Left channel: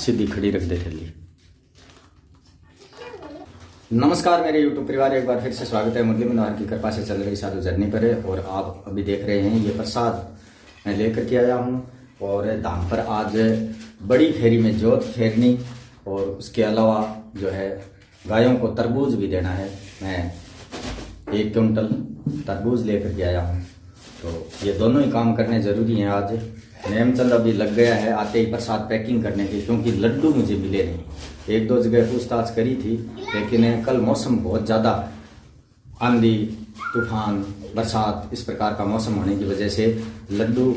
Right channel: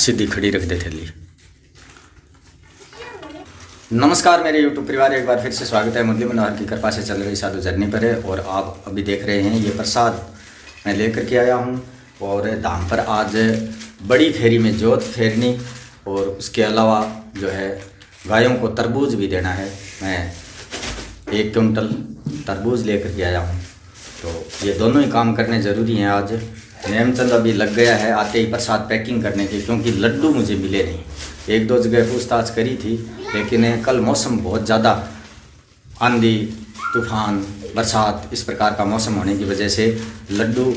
सीधी खड़ी रख दे थैली। नमस्कार मेरे YouTube परिवार, एक बार फिर से स्वागत है। मुरली मनोहर की कृपा से चल रही साधु जर्नी पर है और आप अभी देख रहे हैं ये प्रसाद मैं लेकर के आया हूँ। और धाम पर आज बड़ी फेरी में जोत फेरनी और उसके अलावा जो है गायों को तरबूज भी देना है। मैं 1 क्विंटल तरबूज लेकर के आया हूँ, तो ये दोनों ही काम करने ज़रूरी हैं। आज नेमचंद अभी लग गया है आते ही प्रसाद पैकिंग करने के, क्योंकि लड्डू मुझे मिले नहीं। 1-2 जगह पूछताछ करी थी, लेकिन कल मौसम बहुत ज़्यादा आंधी तूफान बरसात इस प्रकार का मौसम होने की वजह से लड्डू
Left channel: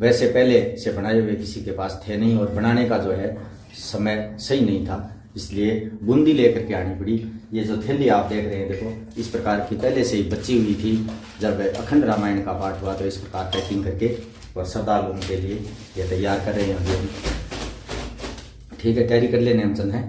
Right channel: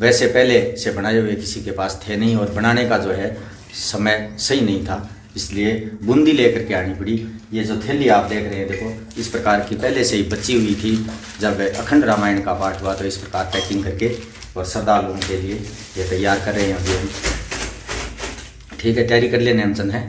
वैसे पहले से बनाए हुए किसी के पास थे नहीं और बनाने का जो है समय सही नहीं था, इसलिए बूंदी लेकर के आनी पड़ी। ये जो थैली आप देख रहे हैं, देखो इस प्रकार की पहले से ही बची हुई थी। जब अखंड रामायण का पाठ हुआ तो इस प्रकार पैकिंग करके और श्रद्धालुओं के लिए ये तैयार कर रहे हैं अभी हम। ठीक है, तैयारी कर लेने हमचंद है।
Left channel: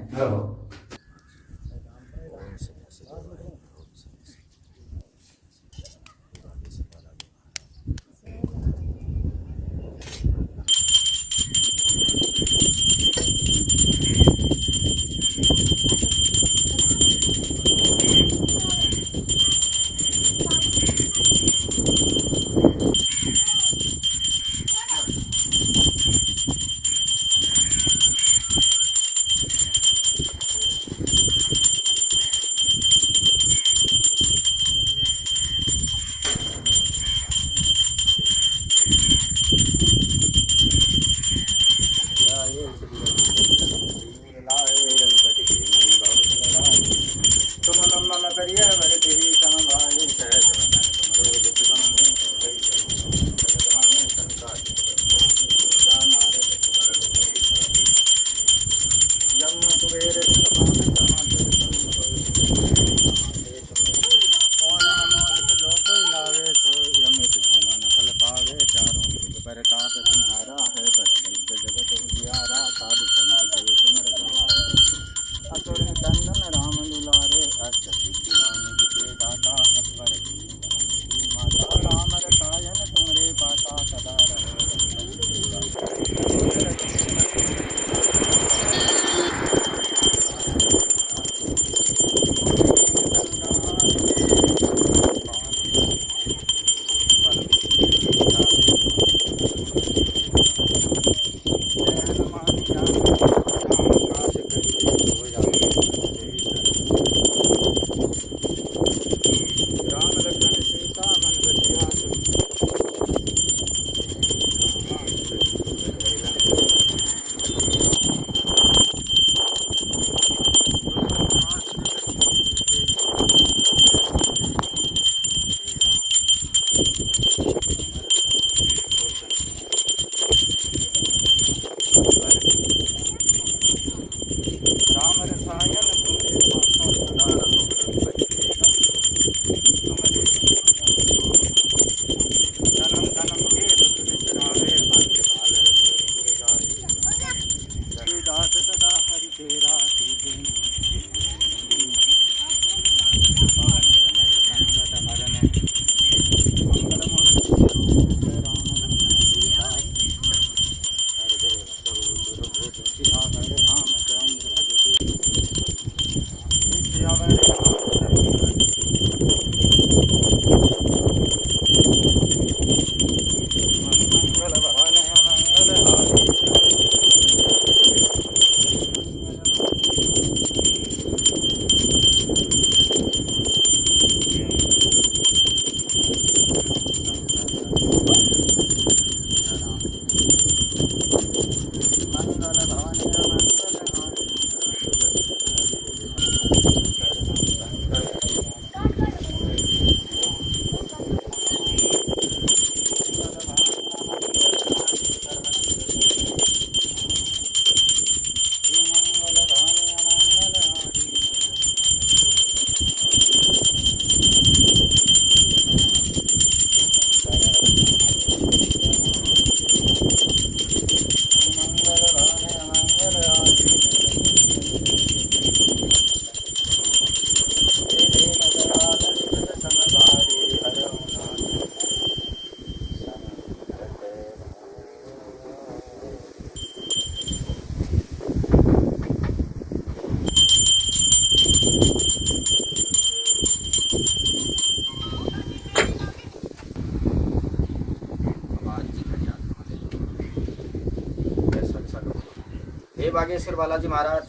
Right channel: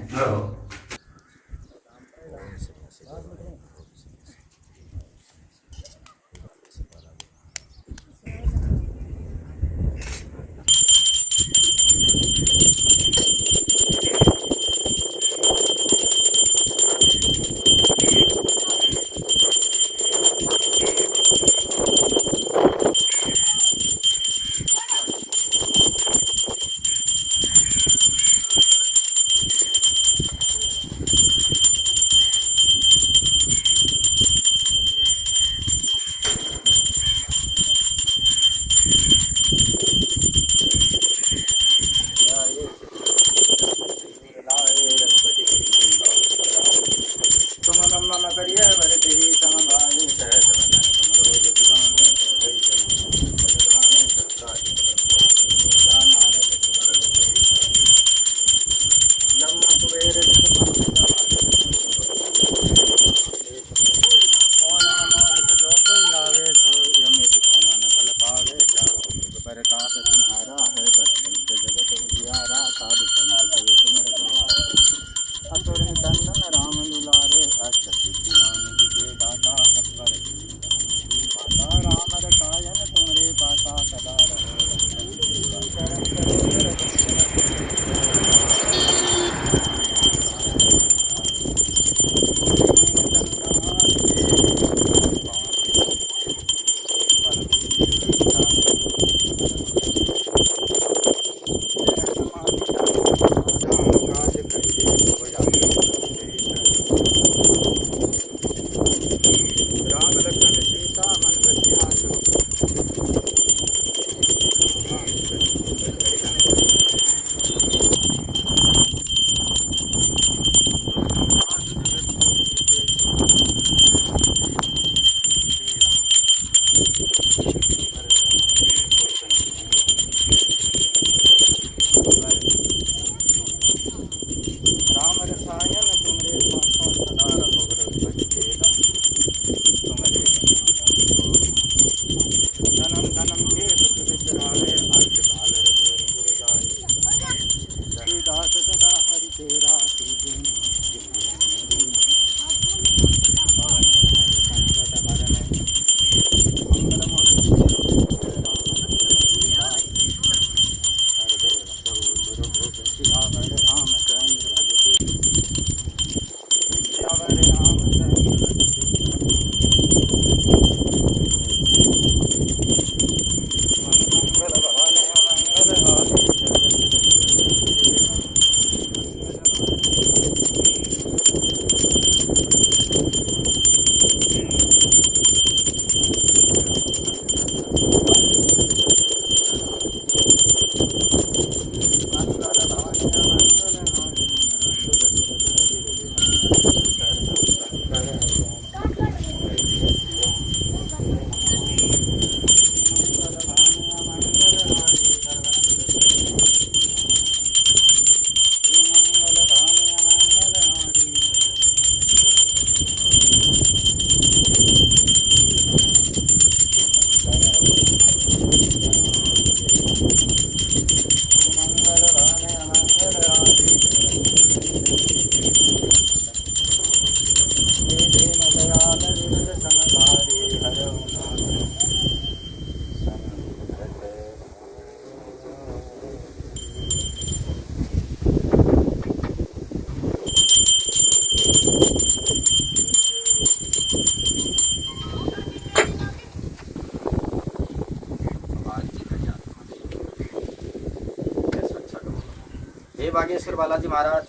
हे बागेश्वर बालाजी महाराज,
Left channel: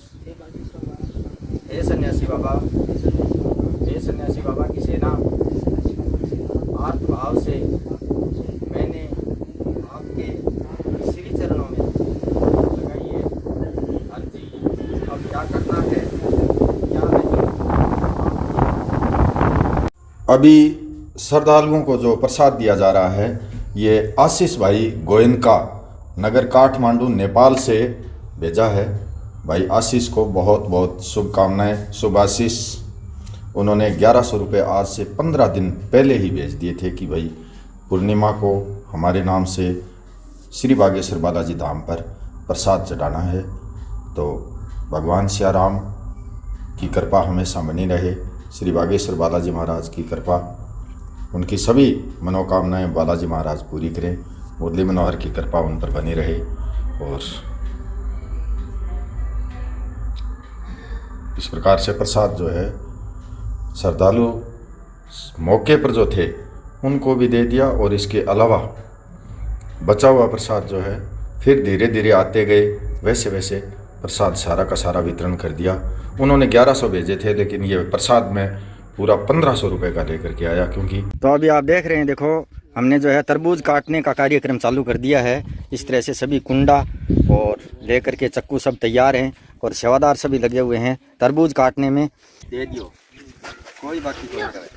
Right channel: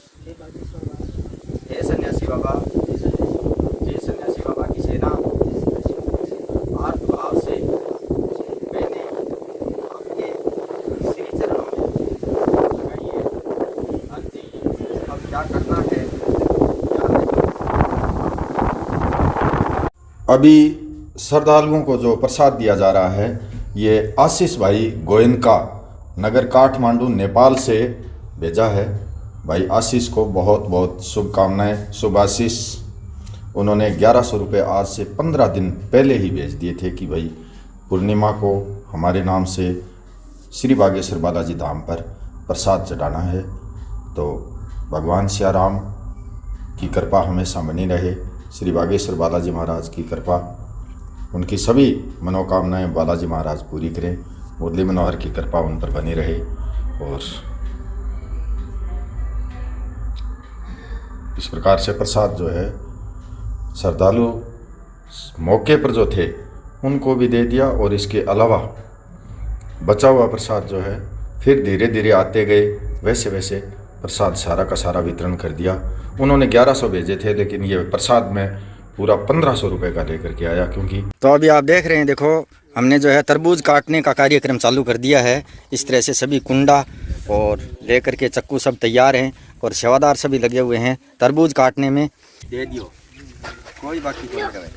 हे सन्यासी बाबा, हे सन्यासी बाबा की सेना, आर्त भाव से मैंने आपके श्री चरणों में लगाई है अर्जी। अब क्या करना है क्या नहीं। अभी श्रद्धालुओं को जो प्रसाद दिया जा रहा है ये आशीष भाई गोयनका नगर काठमांडू नेपाल से भेजा है। भाई आशीष को बहुत बहुत शुभकामनाएं, शुभ आशीष। उन्होंने 1100 रुपये आज से 15 दिन पहले ही भेज दिए थे कि भाई पूर्णिमा को हमारे नाम से श्री बागेश्वर बालाजी धाम पर प्रसाद चढ़ाना है। तो भगवान सिया राम की कृपा हमेशा बनी रहे, श्री बागेश्वर बालाजी महाराज की कृपा, उनकी सभी मनोकामनाएं बालाजी महाराज पूरी करें, मुरली मनोहर की कृपा उन पर बनी रहे। और इस प्रकार से प्रसाद जो है श्रद्धालु मौके पर जो थे उनको भी दे दिया, और इसके अलावा बचा हुआ प्रसाद जो है फिर धीरे धीरे आते गए, वैसे वैसे प्रसाद सारा का सारा वितरण कर दिया। उन्होंने 1100 भेजे थे, लेकिन ये प्रसाद में पूरा 1500 रुपये का लेकर के आया। क्योंकि तो अभी आप देख रहे हैं, देखो हमने जो है तरबूज काटने का कार्यक्रम चालू कर दिया है। इस तरह से सभी कुंडा और लेकर के चक्कू सब तैयार हैं और सेवादार सभी लगे हुए हैं तरबूज काटने में। दे दियो कोई बाकी कोई रहे।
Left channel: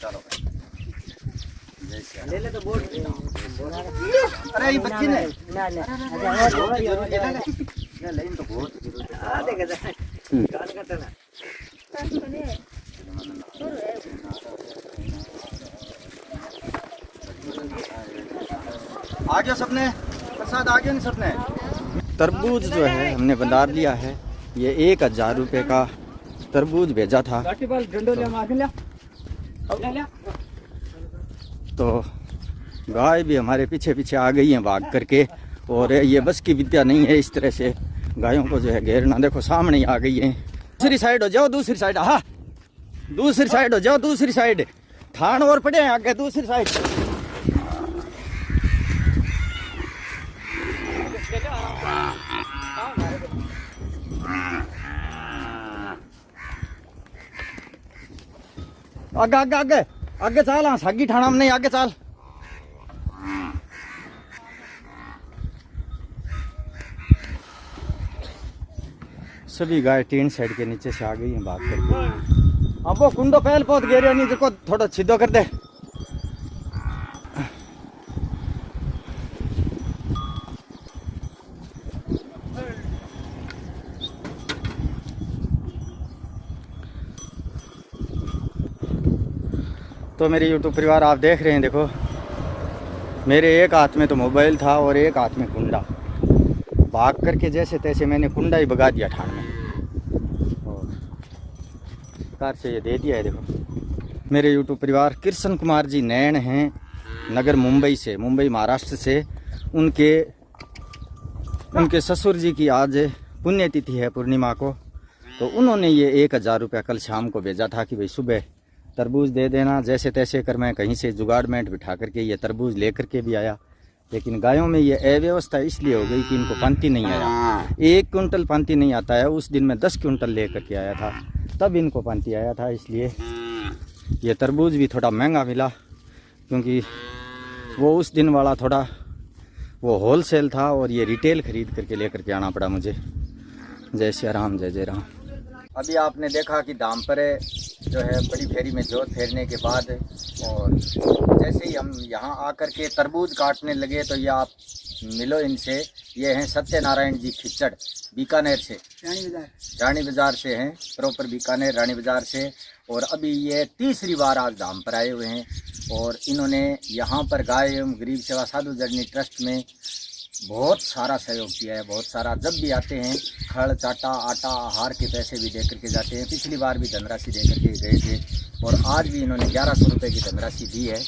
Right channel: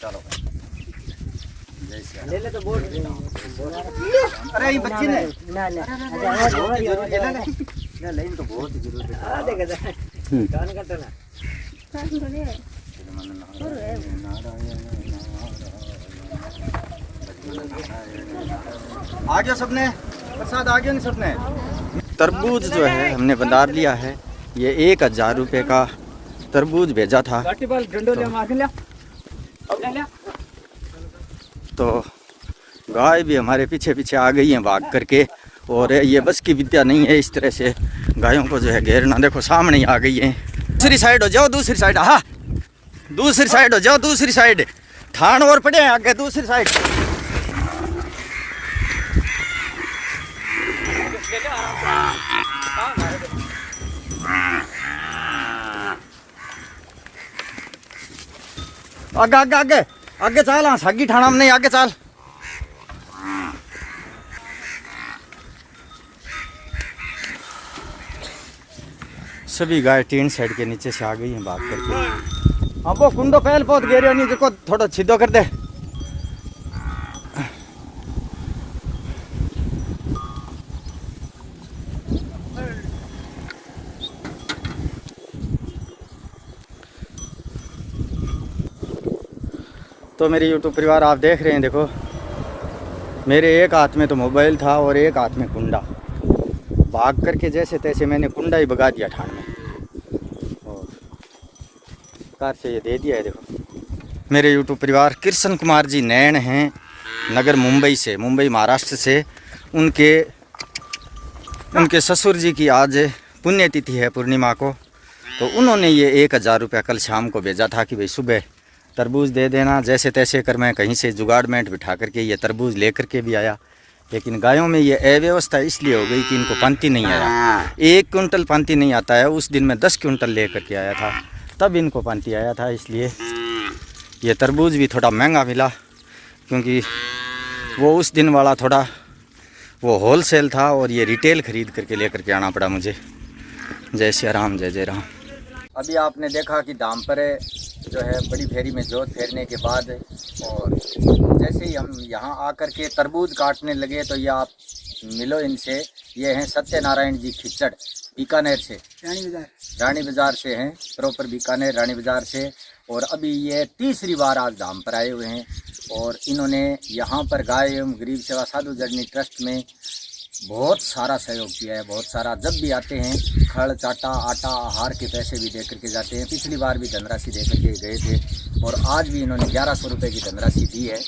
चलो ले ले तो बोल। अरे ये बच्ची ने ना ले तो बहुत जरूरत है। आ देगा गान करता ना आ गया सबने प्रसाद, आ गया नहीं सबने। तरबूज जो है हमने बंधार लिया है, ये 1000 रुपये का तरबूज भेजा था। तो गाय भी हमारे पीछे पीछे आ गई हैं भाग करके, और ये बस की विद्या नहीं है इस तरह से गायों को जो है घेरना। देखो सामने ही आ गई है। दूसरी साइड हो जाओ, दूसरी साइड। हाँ दूसरी साइड हो जाओ, दूसरी साइड। थान और पड़े हैं आगे, दूसरी साइड। आगे आगे आगे आगे चल। हाँ सागी ठाणा में नहीं, आगे चल। सभी गाय टीन साइड के नीचे से आ गई हैं भाग करके। अब वो कुंडो पहल पौध गेरे नहीं, देखो थोड़ा सीधो कर दे। तो मेरे YouTube परिवार आप देख रहे हैं, देखो मेरे एक हाथ में तो मोबाइल था और एक हाथ में कुंडा। भाग करके जैसे तैसे मैंने कुंडा ही भगा दिया ठाण में, और इस प्रकार से ये दे दिया है। देखो मेरे YouTube परिवार कृष्ण कुमार जी नैन हैं, नगर मुंबई से, मुंबई महाराष्ट्र से। उनके ससुर जी की आज पुण्यतिथि है पूर्णिमा को, तो उन्होंने ये 1000 रुपया कल शाम को भेजा था कि भाई सुबह तरबूज दे देना। जैसे तैसे कर मैं कहीं से जुगाड़मेंट बिठा करके ये तरबूज ले करके भी आया, लेकिन गायों में ये अव्यवस्था इसलिए हो गई कि इनको पांति नहीं आया। 1 क्विंटल पांति नहीं आता है, उस दिन मैं 10 क्विंटल ले करके आया था, तब इनको पांति आया था। इसलिए ये तरबूज भी थोड़ा महंगा मिला, क्योंकि वो उस दिन वाला थोड़ा वो होलसेल था और ये रिटेल ख़रीद करके ले करके आना पड़ा मुझे। जय श्री राम, जय जय राम। अभी आपने देखा कि धाम पर जो है बड़ी फेरी में जोत फेरने के बाद, और जैसे ही हम यहाँ आकर के तरबूज काटने लगे तो ये आप मिलो इनसे। ये हैं सत्यनारायण जी खिचड़, बीकानेर से, रानी बाज़ार से हैं, प्रॉपर बीकानेर रानी बाज़ार से। और अभी ये तीसरी बार आज धाम पर आए हुए हैं, और इन्होंने यहाँ पर गाय एवं गरीब सेवा साधु जर्नी ट्रस्ट में बहुत सारा सहयोग किया है, बहुत सारा। जब भी आते हैं खड़ चाटा आटा आहार के पैसे भी दे करके जाते हैं। पिछली बार भी धनराशि दे करके गए थे, और आज भी इन्होंने 1100 रुपये की धनराशि दी है।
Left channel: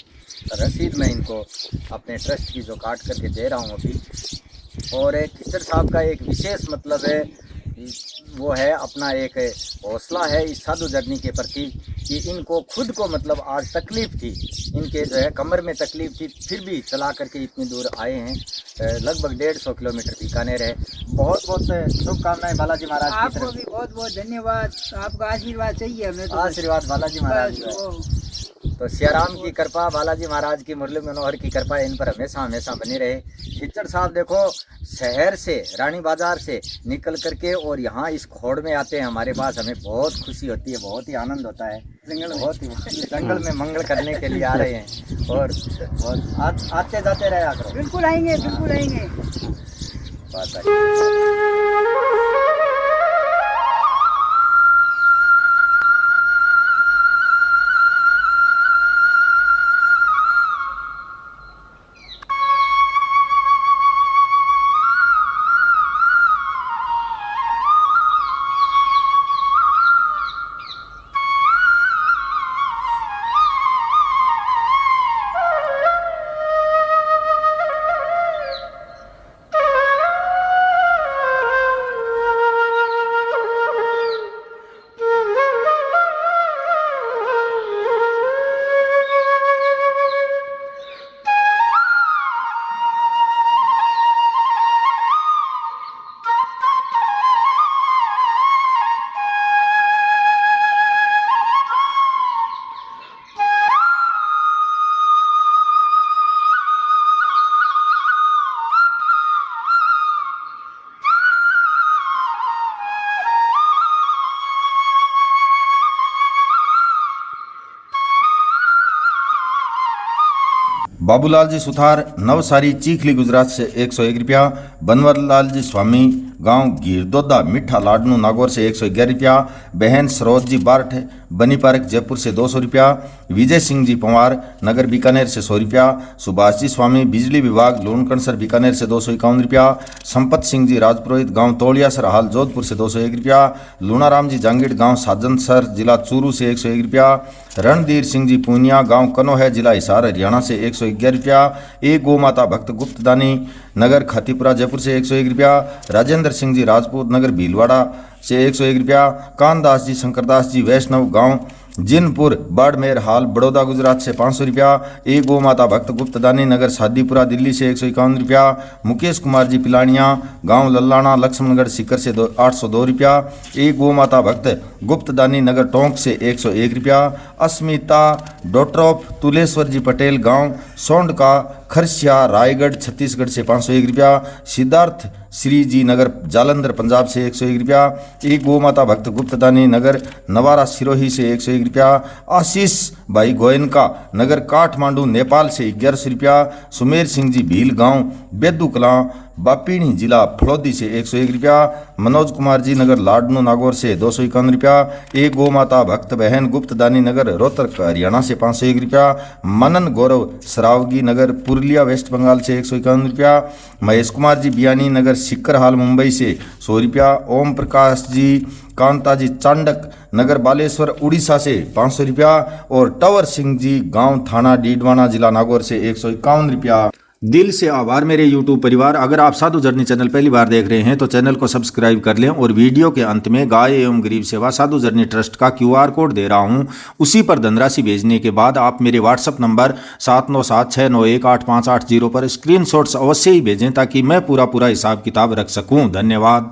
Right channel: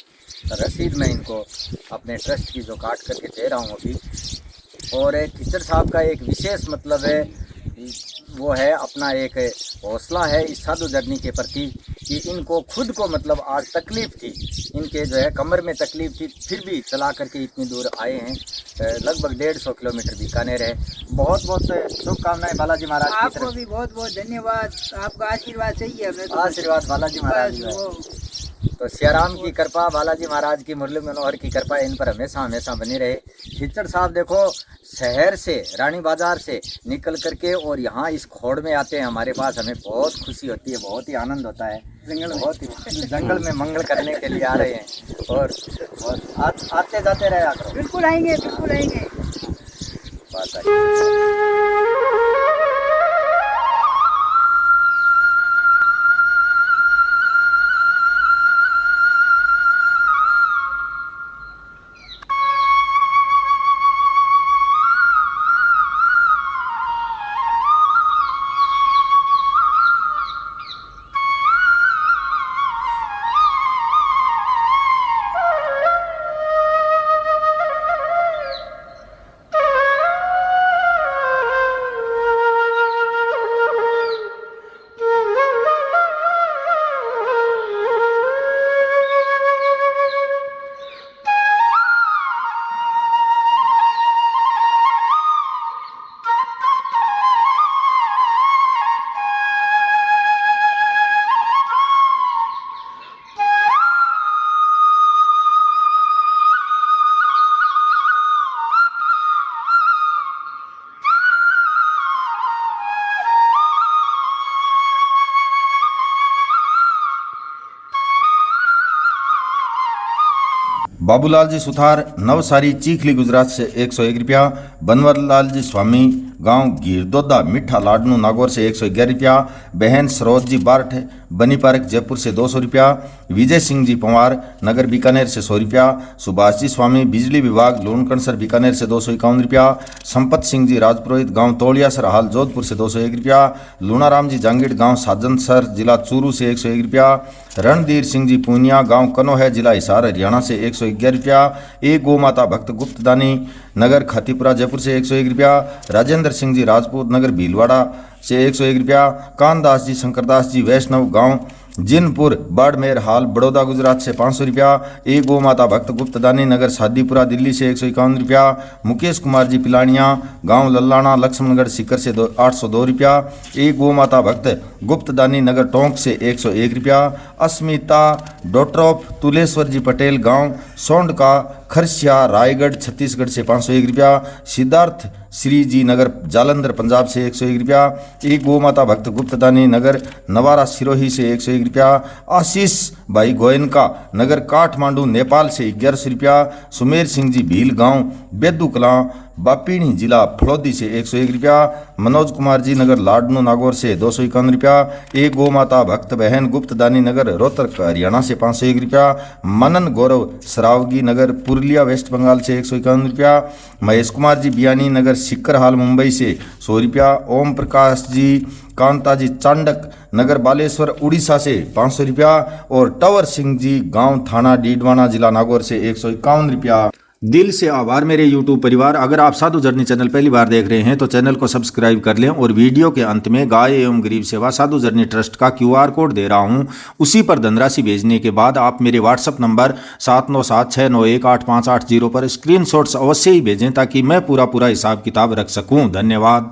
रसीद मैं इनको अपने ट्रस्ट की जो काट करके दे रहा हूँ अभी। और एक खिचड़ साहब का एक विशेष मतलब है, वो है अपना एक हौसला है इस साधु जर्नी के प्रति कि इनको खुद को मतलब आज तकलीफ थी, इनके जो है कमर में तकलीफ थी, फिर भी चला करके इतनी दूर आए हैं। लगभग 150 किलोमीटर बीकानेर है। बहुत बहुत शुभकामनाएं बालाजी महाराज की आपको तरफ। भी बहुत बहुत धन्यवाद, आपका आशीर्वाद चाहिए हमें तो। आशीर्वाद बालाजी महाराज का है। तो सियाराम की कृपा, बालाजी महाराज की, मुरली मनोहर की कृपा इन पर हमेशा हमेशा बनी रहे। खिच्चर साहब देखो शहर से, रानी बाजार से निकल करके और यहाँ इस खोड़ में आते हैं हमारे पास, हमें बहुत खुशी होती है, बहुत ही आनंद होता है। जंगल में मंगल करने के लिए आ रहे हैं और बहुत आते जाते रहे करो। बिल्कुल आएंगे, बिल्कुल आएंगे। बात है। बाबूलाल जी सुथार नवसारी चीखली गुजरात से 101 रुपया। बनवरलाल जी स्वामी गांव गिरदोदा मिठा लाडनू नागौर से 111 रुपया। बहन सरोज जी बार्ट बनी पार्क जयपुर से 200 रुपया। विजय सिंह जी पंवार नगर बीकानेर से 100 रुपया। सुभाष जी स्वामी बिजली विभाग लोनकणसर बीकानेर से 251 रुपया। संपत सिंह जी राजपुरोहित गांव तोलियासर हाल जोधपुर से 201 रुपया। लूणाराम जी जांगीड़ गांव साजनसर जिला चूरू से 101 रुपया। रणधीर सिंह जी पूनिया गांव कनोह जिला हिसार हरियाणा से 111 रुपया। एक गौ माता भक्त गुप्तदानी नगर खातीपुरा जयपुर से 101 रुपया। राजेंद्र सिंह जी राजपूत नगर भीलवाड़ा से 101 रुपया। कानदास जी शंकरदास जी वैष्णव गांव जिनपुर बाड़मेर हाल बड़ौदा गुजरात से 500 रुपया। एक गौ माता भक्त गुप्तदानी नगर सादीपुरा दिल्ली से 151 रुपया। मुकेश कुमार जी पिलानिया गांव लल्लाना लक्ष्मणगढ़ सीकर से 802 रुपया। एक गौ माता भक्त गुप्तदानी नगर टोंक से 101 रुपया। अस्मिता डोट्रोप तुलेश्वर जी पटेल गांव सोंडका खरसिया रायगढ़ छत्तीसगढ़ से 501 रुपया। सिद्धार्थ श्री जी नगर जालंधर पंजाब से 101 रुपया। एक गौ माता भक्त गुप्तदानी नगर नवारा सिरोही से 101 रुपया। आशीष भाई गोयनका नगर काठमांडू नेपाल से 1100 रुपया। सुमेर सिंह जी भील गांव बेदू कलां बापीणी जिला फड़ौदी से 101 रुपया। मनोज कुमार जी नगर लाडनू नागौर से 251 रुपया। एक गौ माता भक्त बहन गुप्तदानी नगर रोहतक हरियाणा से 501 रुपया। मनन गौरव सरावगी नगर पुरलिया वेस्ट बंगाल से 151 रुपया। महेश कुमार जी बियानी नगर सिक्कर हाल मुंबई से 100 रुपया। ओम प्रकाश जी कांता जी चांडक नगर बालेश्वर उड़ीसा से 500 रुपया। और टवर सिंह जी गांव थाना डीडवाना जिला नागौर से 151 रुपया। दिल से आभार मेरे YouTube परिवार। अगर आप साधु जर्नी चैनल पहली बार देख रहे हैं तो चैनल को सब्सक्राइब कर लें और वीडियो के अंत में गाय एवं गरीब सेवा साधु जर्नी ट्रस्ट का QR कोड दे रहा हूं, उसी पर धनराशि भेजने के बाद आप मेरे WhatsApp नंबर 7976918580 पर स्क्रीनशॉट्स अवश्य ही भेजें ताकि मैं पूरा हिसाब किताब रख सकूं। धन्यवाद।